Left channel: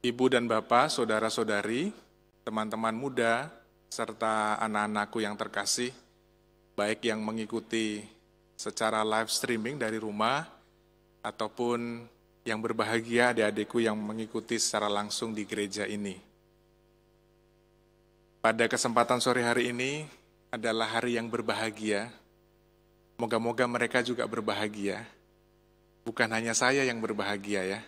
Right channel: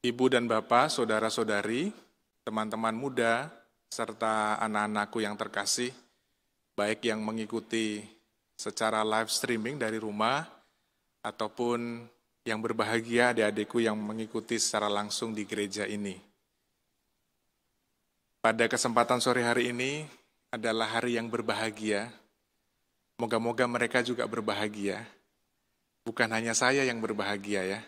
Ibu dan Bapak, saudara-saudari, teman-teman muda, serta anak-anakku yang terkasih, baik yang mengikuti secara live streaming dari rumah, ataupun yang berbahagia adik-adikku yang mengikuti secara langsung di gereja ini. Pada kesempatan sore hari ini adalah hari yang berbahagia. Moga-moga mereka juga berbahagia. Bukan hanya saya yang berbahagia ya.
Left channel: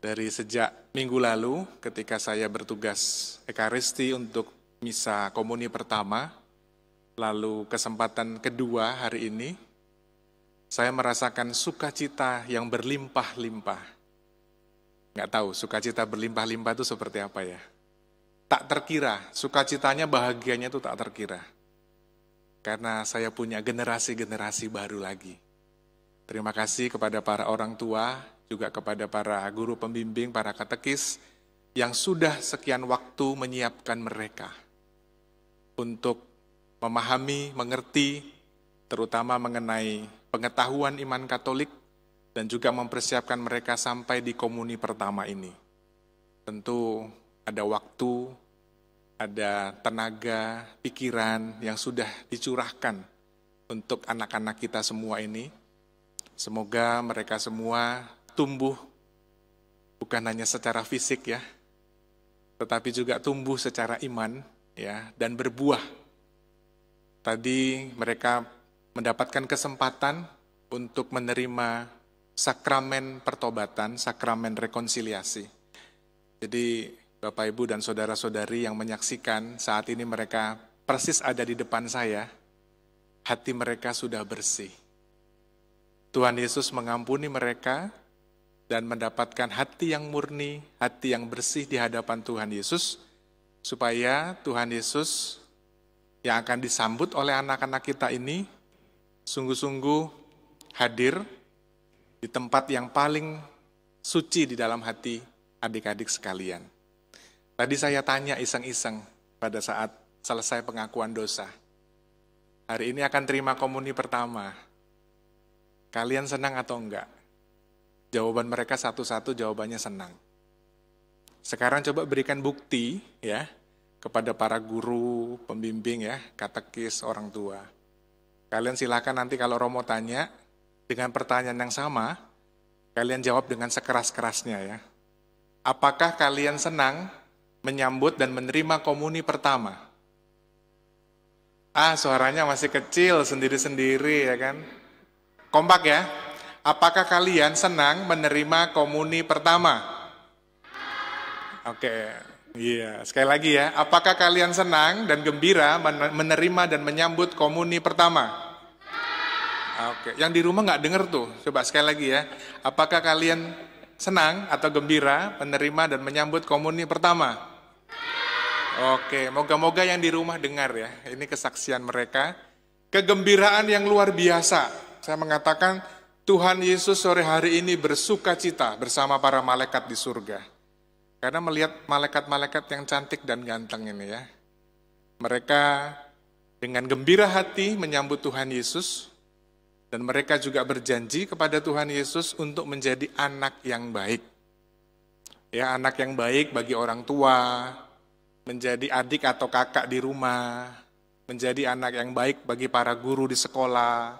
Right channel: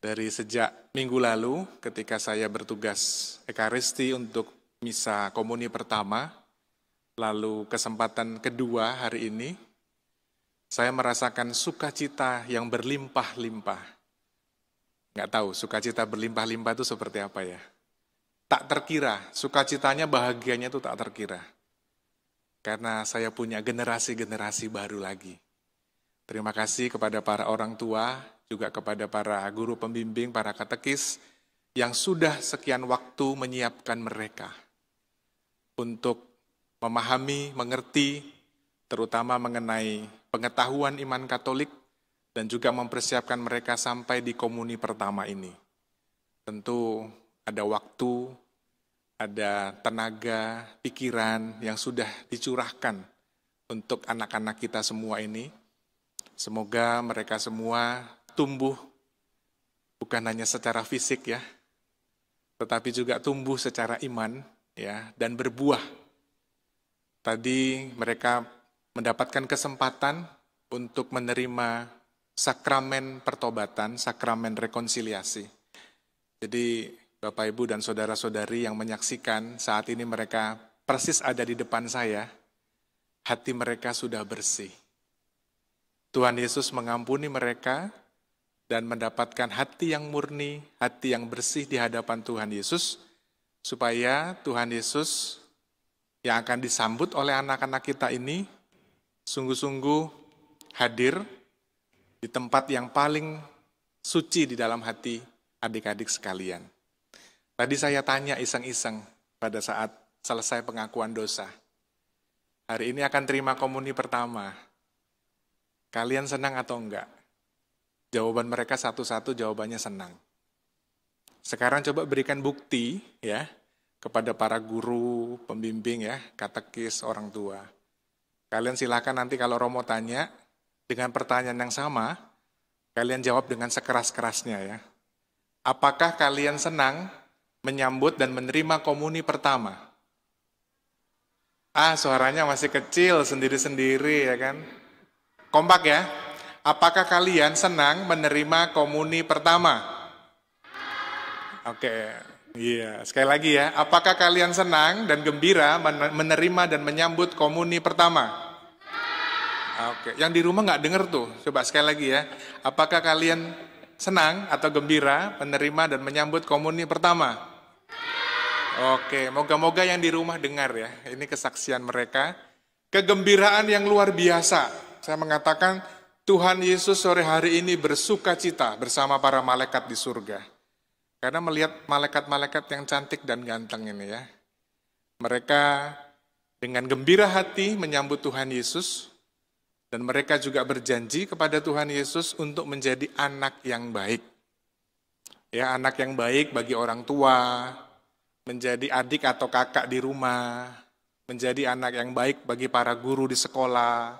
Dari sejak minggu lalu ketika saya bertugas Ekaristi untuk misa komuni pertama, lalu kesempatan kedua hari ini, saya merasakan sukacita yang berlimpah-limpah. Nggak tahu sukacita berlimpah-limpah itu seperti apa ya. Tak terkira, sukacitanya, bahagianya itu tak terkira. Karena saya punya generasi-generasi baru lagi. Terima kasih kepada para orang tua, juga kepada para guru pembimbing, para katekis, yang sudah sekian waktu menyiapkan mereka untuk memahami, mengerti, terutama mengenai pengetahuan iman Katolik, dan juga mempersiapkan mereka sampai di komuni pertama ini. Tentu ada waktu, ada tenaga, pikiran yang sudah dicurahkan untuk anak-anak kita semua ini. Semoga mereka semua tumbuh bukan hanya secara fisik ya, tetapi juga tumbuh secara iman ya, dan berbuah. Tadi mereka mendapatkan kesempatan untuk menerima sakramen pertobatan, sakramen rekonsiliasi. Jadi Bapak, Ibu, dan saudara-saudari yang menyaksikan saat ini mereka persis ada di depan saya, hati mereka sudah bersih. Tuhan Yesus mengampuni mereka dan mendapatkan hati yang murni, hati yang bersih di hadapan Tuhan Yesus, supaya Tuhan Yesus yang akan disambut oleh anak-anak kita ini sungguh-sungguh hadir di tempat yang paling suci di dalam hati adik-adik sekalian. Tadi saya tanya iseng-iseng pada saat selesai pengakuan dosa. Hari ini akan terima komuni pertama. Kalian senang atau enggak? Jawaban mereka satu-satu jawabannya senang. Sekarang coba berikan bukti ya kepada para guru, pembimbing ya, katekis, orang tua. Kalian silakan nanti kalau Romo tanya dengan pertanyaan yang sama, kalian jawab dengan sekeras-kerasnya ya. Apakah kalian senang menyambut dan menerima komuni pertama? Suaranya masih kecil sendiri-sendiri ya kan. Kompak ya. Apakah kalian senang menerima komuni pertama? Oke, iya. Sekali lagi ya. Apakah kalian senang dan gembira menerima dan menyambut komuni pertama? Oke, yang di rumah nggak dengar tuh. Coba sekali lagi ya. Apakah kalian senang atau gembira menerima dan menyambut komuni pertama? Oke, moga-moga yang di rumah dengar ya. Ini kesaksian mereka. Kegembiraan yang luar biasa. Saya mengatakan Tuhan Yesus sore hari ini bersuka cita bersama para malaikat di surga. Karena melihat malaikat-malaikat yang cantik dan ganteng ini ya. Mereka dengan gembira hati menyambut Tuhan Yesus. Dan mereka juga berjanji kepada Tuhan Yesus untuk menjadi anak yang baik. Ya, anak yang baik bagi orang tua, menjadi adik atau kakak di rumah, menjadi anak yang baik bagi para guru di sekolah,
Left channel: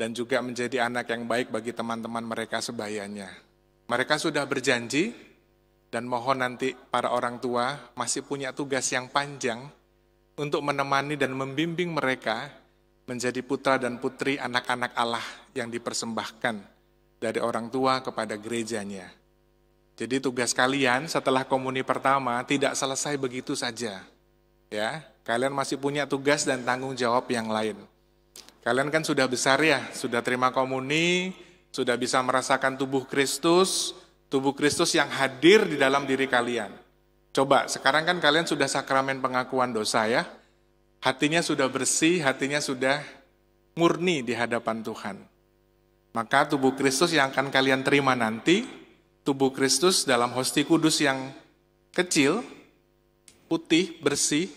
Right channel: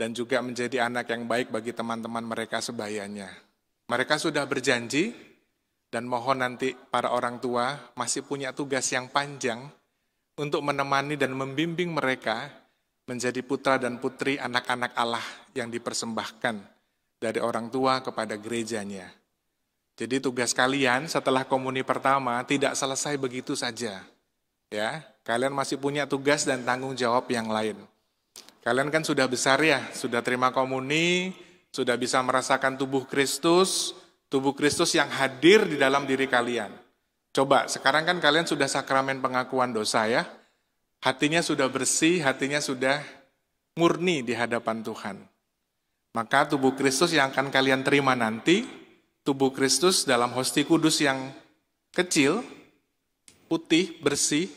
dan juga menjadi anak yang baik bagi teman-teman mereka sebayanya. Mereka sudah berjanji, dan mohon nanti para orang tua masih punya tugas yang panjang untuk menemani dan membimbing mereka menjadi putra dan putri anak-anak Allah yang dipersembahkan dari orang tua kepada gerejanya. Jadi tugas kalian setelah komuni pertama tidak selesai begitu saja. Ya, kalian masih punya tugas dan tanggung jawab yang lain. Kalian kan sudah besar ya, sudah terima komuni, sudah bisa merasakan tubuh Kristus yang hadir di dalam diri kalian. Coba, sekarang kan kalian sudah sakramen pengakuan dosa ya, hatinya sudah bersih, hatinya sudah murni di hadapan Tuhan. Maka tubuh Kristus yang akan kalian terima nanti, tubuh Kristus dalam hosti kudus yang kecil, putih, bersih,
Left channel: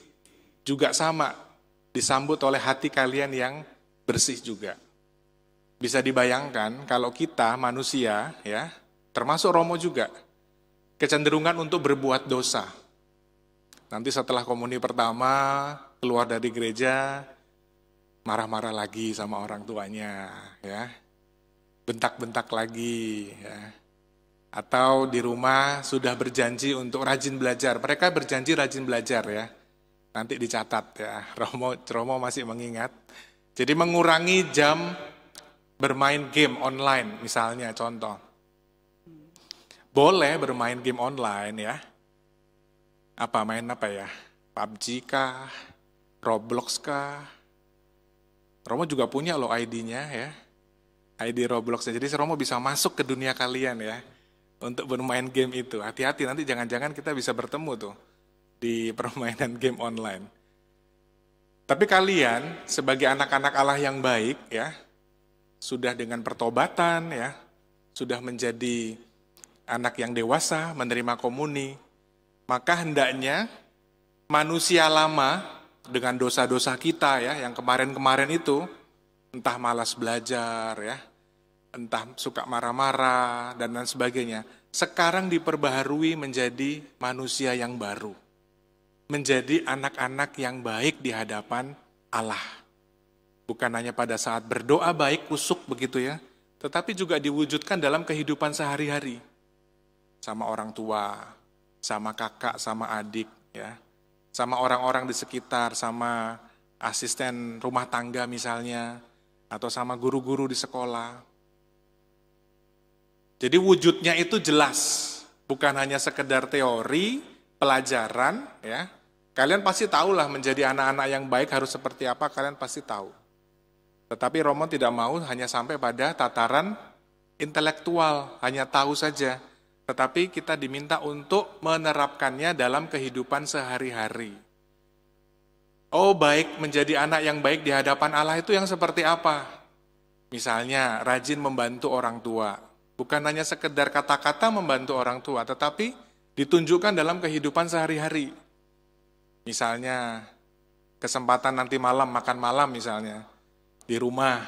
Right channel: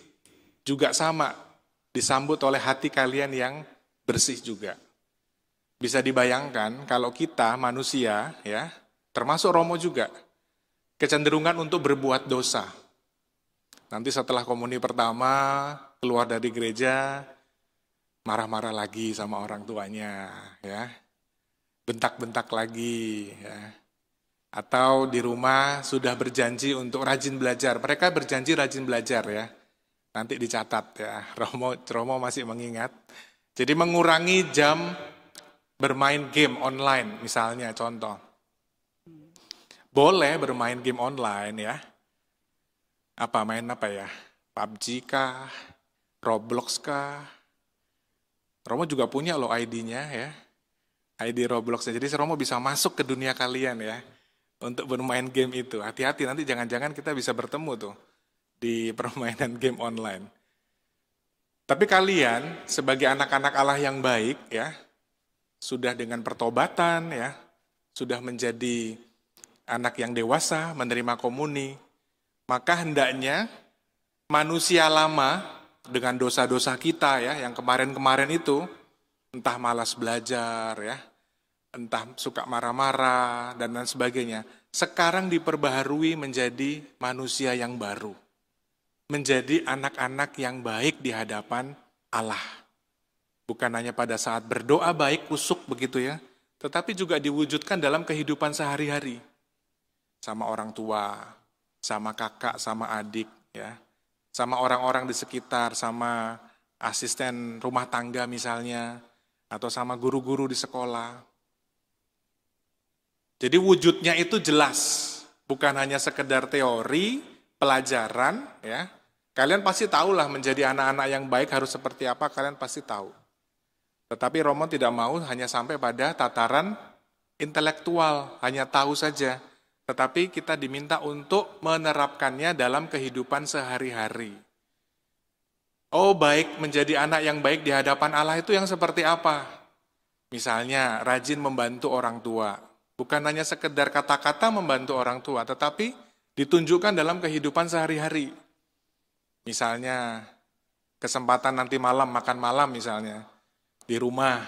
juga sama, disambut oleh hati kalian yang bersih juga. Bisa dibayangkan kalau kita manusia ya, termasuk Romo juga, kecenderungan untuk berbuat dosa. Nanti setelah komuni pertama, keluar dari gereja, marah-marah lagi sama orang tuanya, ya. Bentak-bentak lagi, ya. Atau di rumah sudah berjanji untuk rajin belajar. Mereka berjanji rajin belajar, ya. Nanti dicatat, ya. Romo masih mengingat. Jadi mengurangi jam bermain game online, misalnya contoh. Boleh bermain game online, ya. Main apa ya? PUBG kah? Roblox kah? Romo juga punya loh ID-nya, ya. ID Roblox. Jadi Romo bisa masuk ke dunia kalian, ya. Untuk bermain game itu. Hati-hati, nanti jangan-jangan kita bisa bertemu tuh di permainan game online. Tapi kalian sebagai anak-anak Allah yang baik, ya, sudah dengan pertobatan, ya, sudah menjadi anak yang dewasa, menerima komuni, maka hendaknya manusia lama dengan dosa-dosa kita, ya, yang kemarin-kemarin itu, entah malas belajar, ya, entah suka marah-marah, dan lain sebagainya, sekarang diperbaharui menjadi manusia yang baru. Menjadi anak-anak yang baik di hadapan Allah. Bukan hanya pada saat berdoa baik, kusuk begitu, ya, tetapi juga diwujudkan dalam kehidupan sehari-hari. Sama orang tua, sama kakak, sama adik, ya, sama orang-orang di sekitar, sama asisten rumah tangga misalnya, atau sama guru-guru di sekolah. Jadi wujudnya itu jelas, bukan hanya sekedar teori, pelajaran, ya. Kalian pasti tahulah menjadi anak-anak yang baik harus seperti apa, kalian pasti tahu. Tetapi Romo tidak mau hanya sampai pada tataran intelektual, hanya tahu saja. Tetapi kita diminta untuk menerapkannya dalam kehidupan sehari-hari. Oh, baik, menjadi anak yang baik di hadapan Allah itu yang seperti apa? Misalnya, rajin membantu orang tua. Bukan hanya sekedar kata-kata membantu orang tua, tetapi ditunjukkan dalam kehidupan sehari-hari. Misalnya, kesempatan nanti malam, makan malam misalnya, di rumah.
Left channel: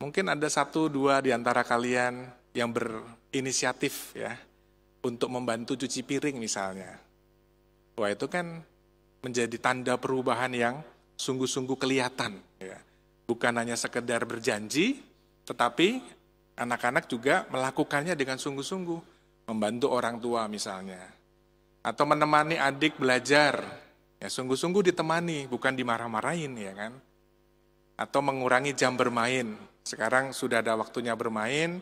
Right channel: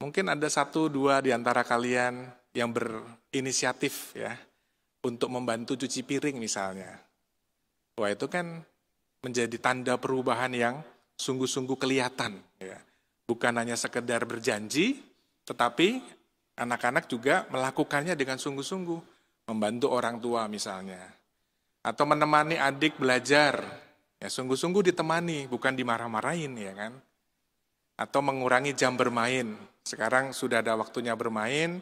Mungkin ada 1-2 di antara kalian yang berinisiatif, ya, untuk membantu cuci piring misalnya. Wah, itu kan menjadi tanda perubahan yang sungguh-sungguh kelihatan, ya. Bukan hanya sekedar berjanji, tetapi anak-anak juga melakukannya dengan sungguh-sungguh, membantu orang tua misalnya. Atau menemani adik belajar, ya, sungguh-sungguh ditemani, bukan dimarah-marahin, ya kan. Atau mengurangi jam bermain. Sekarang sudah ada waktunya bermain,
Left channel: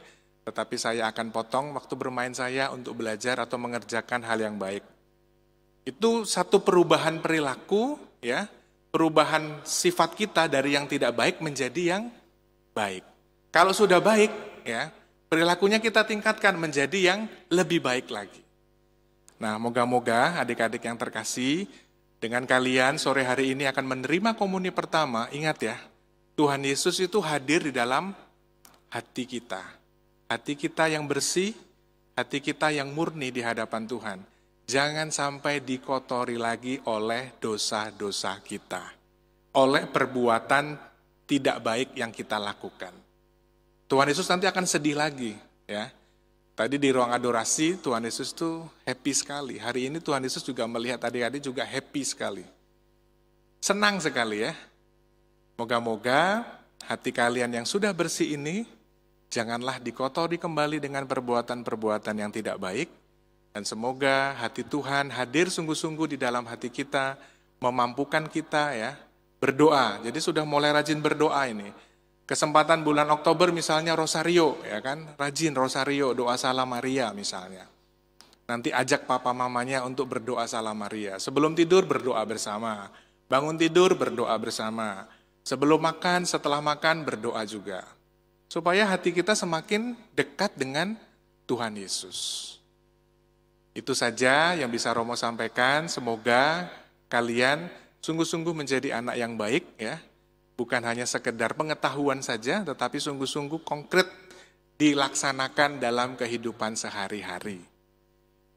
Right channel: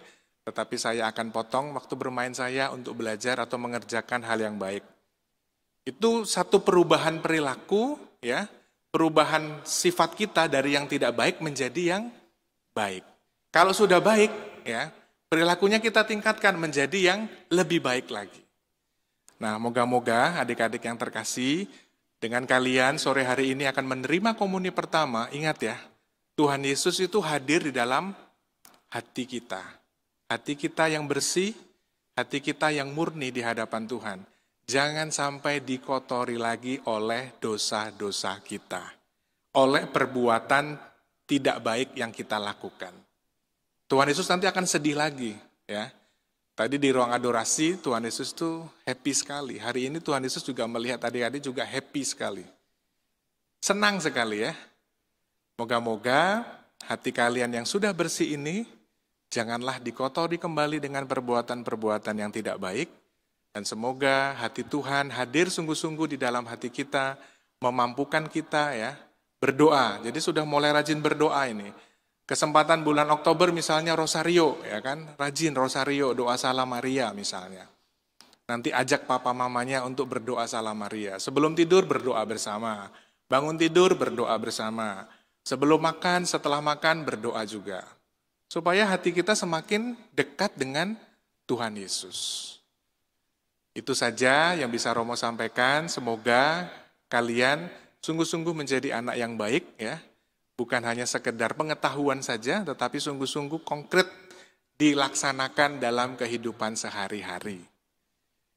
tetapi saya akan potong waktu bermain saya untuk belajar atau mengerjakan hal yang baik. Itu satu perubahan perilaku, ya, perubahan sifat kita dari yang tidak baik menjadi yang baik. Kalau sudah baik, ya, perilakunya kita tingkatkan menjadi yang lebih baik lagi. Nah, moga-moga adik-adik yang terkasih, dengan kalian sore hari ini akan menerima komuni pertama. Ingat, ya, Tuhan Yesus itu hadir di dalam hati kita. Hati kita yang bersih, hati kita yang murni di hadapan Tuhan. Jangan sampai dikotori lagi oleh dosa-dosa kita. Oleh perbuatan tidak baik yang kita lakukan. Tuhan Yesus nanti akan sedih lagi, ya. Tadi di ruang adorasi Tuhan Yesus tuh happy sekali. Hari ini Tuhan Yesus juga melihat adik-adik juga happy sekali. Senang sekali, ya. Moga-moga hati kalian yang sudah bersih ini janganlah dikotori kembali dengan perbuatan-perbuatan yang tidak baik. Dan semoga hati Tuhan hadir sungguh-sungguh di dalam hati kita, memampukan kita, ya, berdoa. Jadi sudah mulai rajin berdoa ini. Kesempatan bulan Oktober misalnya Rosario, ya kan, rajin Rosario, doa Salam Maria misalnya. Nanti ajak papa mamanya untuk berdoa Salam Maria. Sebelum tidur berdoa bersama, bangun tidur berdoa bersama. Sebelum makan, setelah makan berdoa juga. Supaya hati kita semakin dekat dengan Tuhan Yesus. Itu saja yang bisa Romo sampaikan. Semoga kalian sungguh-sungguh menjadi anak yang baik, ya. Bukan hanya sekedar pengetahuan saja, tetapi sungguh-sungguh konkret dilaksanakan dalam kehidupan sehari-hari.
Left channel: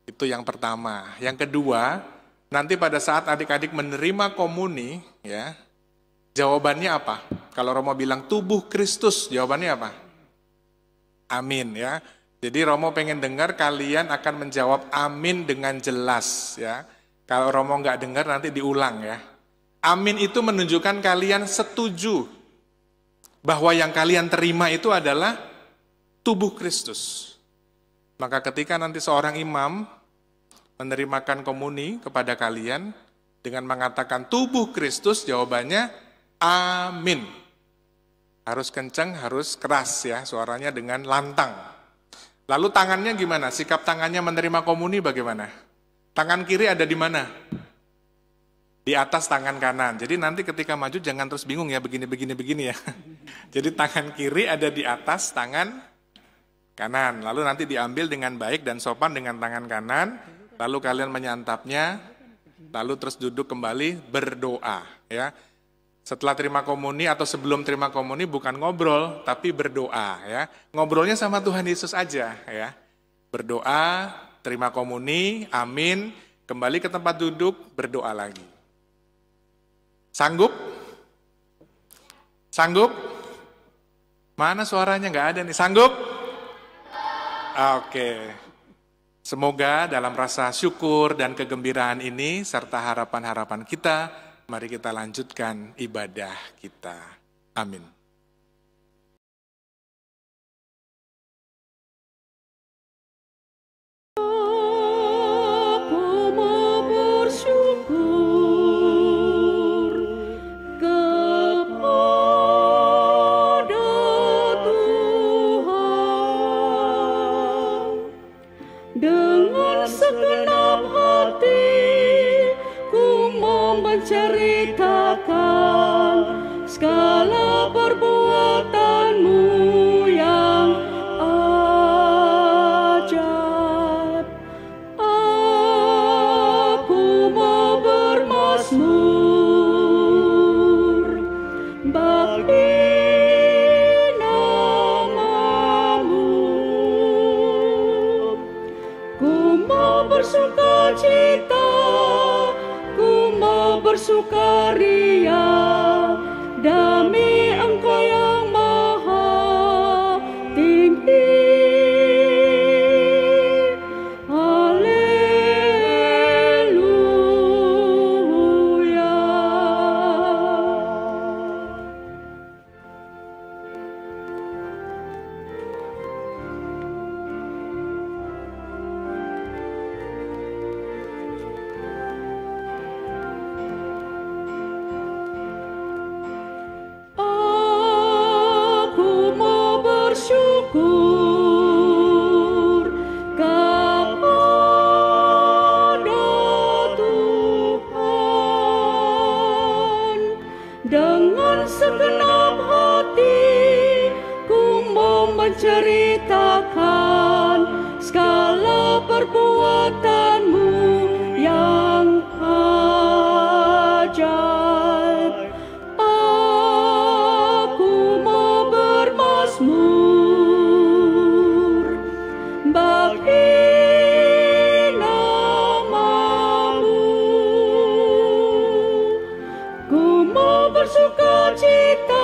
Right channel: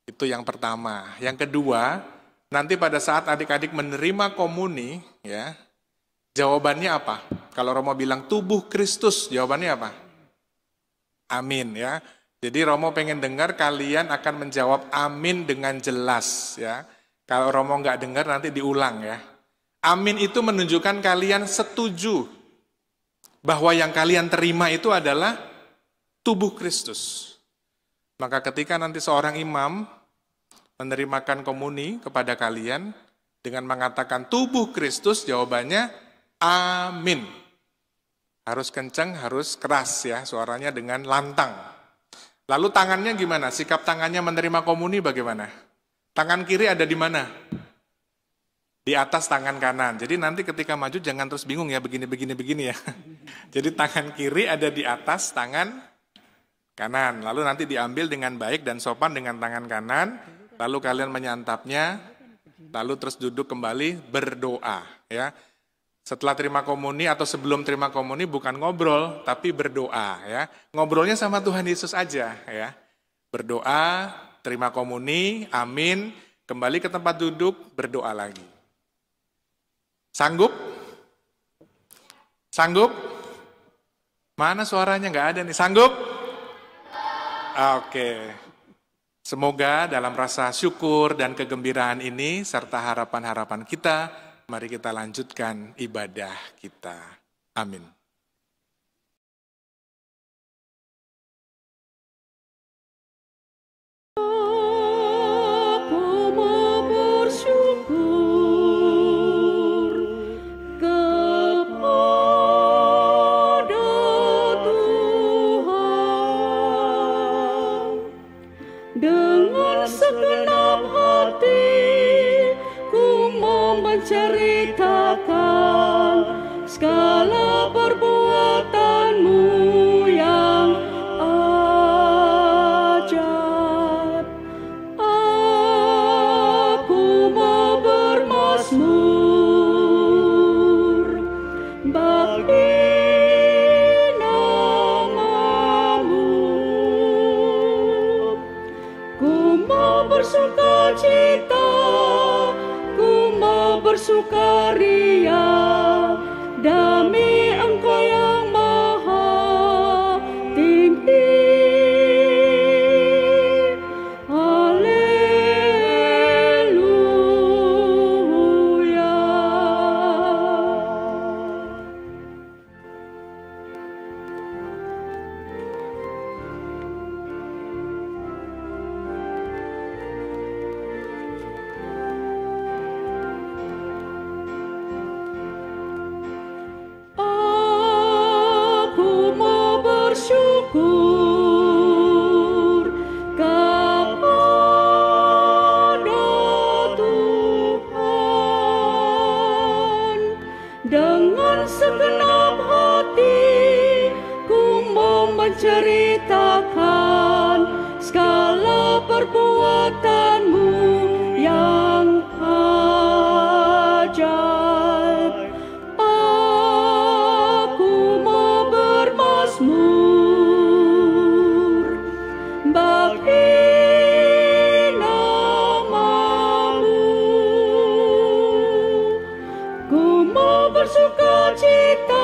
Itu yang pertama. Yang kedua, nanti pada saat adik-adik menerima komuni, ya, jawabannya apa? Kalau Romo bilang tubuh Kristus, jawabannya apa? Amin, ya. Jadi Romo pengen dengar kalian akan menjawab amin dengan jelas ya. Kalau Romo nggak dengar nanti diulang ya. Amin itu menunjukkan kalian setuju bahwa yang kalian terima itu adalah tubuh Kristus. Maka ketika nanti seorang imam menerimakan komuni kepada kalian dengan mengatakan tubuh Kristus, jawabannya amin. Harus kencang, harus keras ya, suaranya dengan lantang. Lalu tangannya gimana? Sikap tangannya menerima komuni bagaimana? Tangan kiri ada di mana? Di atas tangan kanan. Jadi nanti ketika maju jangan terus bingung ya, begini ya. Jadi tangan kiri ada di atas tangan kanan. Lalu nanti diambil dengan baik dan sopan dengan tangan kanan. Lalu kalian menyantapnya. Lalu terus duduk kembali berdoa ya. Setelah terima komuni atau sebelum terima komuni bukan ngobrol, tapi berdoa ya. Ngobrolnya sama Tuhan Yesus aja ya. Berdoa, terima komuni, amin, kembali ke tempat duduk, berdoa lagi. Sanggup? Sanggup? Mana suaranya nggak ada nih, sanggup? Oke. Semoga dalam rasa syukur dan kegembiraan ini serta harapan-harapan kita, mari kita lanjutkan ibadah kita. Amin. Dengan segenap hati ku mau menceritakan segala perbuatanmu yang ajaib. Aku mau bermazmur bagi bersukacita, ku mau bersukaria demi Engkau yang maha tinggi. Haleluya. Bersyukur kepada Tuhan dengan segenap hati ku mau menceritakan segala perbuatanmu yang ajaib. Aku mau bermazmur bagi namamu, ku mau bersukacita